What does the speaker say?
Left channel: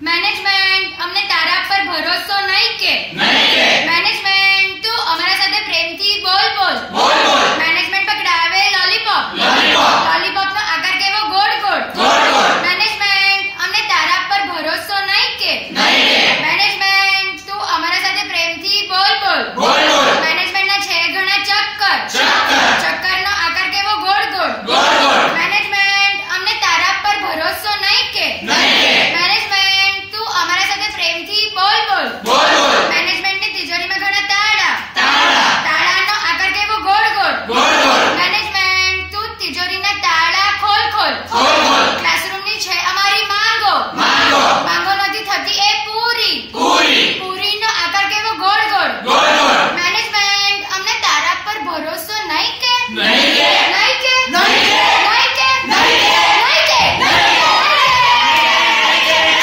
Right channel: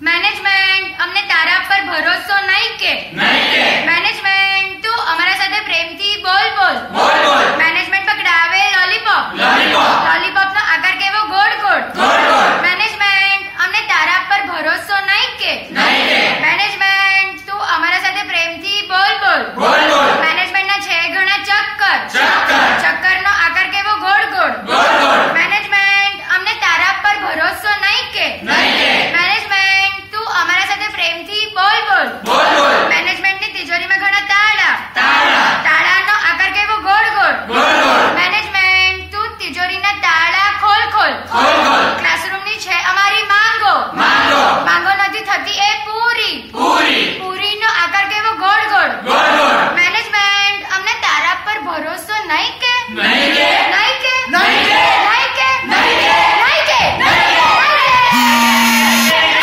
management અમને તારા પર ભરોસો નહીં કે મેનેજમેન્ટ તું અમારા સાથે પ્રેમથી બોલ મેનેજમેન્ટ પકડાવે લોલીપોપ લોલીપોપ નો આકાર કેવો ગોળ મેનેજમેન્ટ અમને તારા પર ભરોસો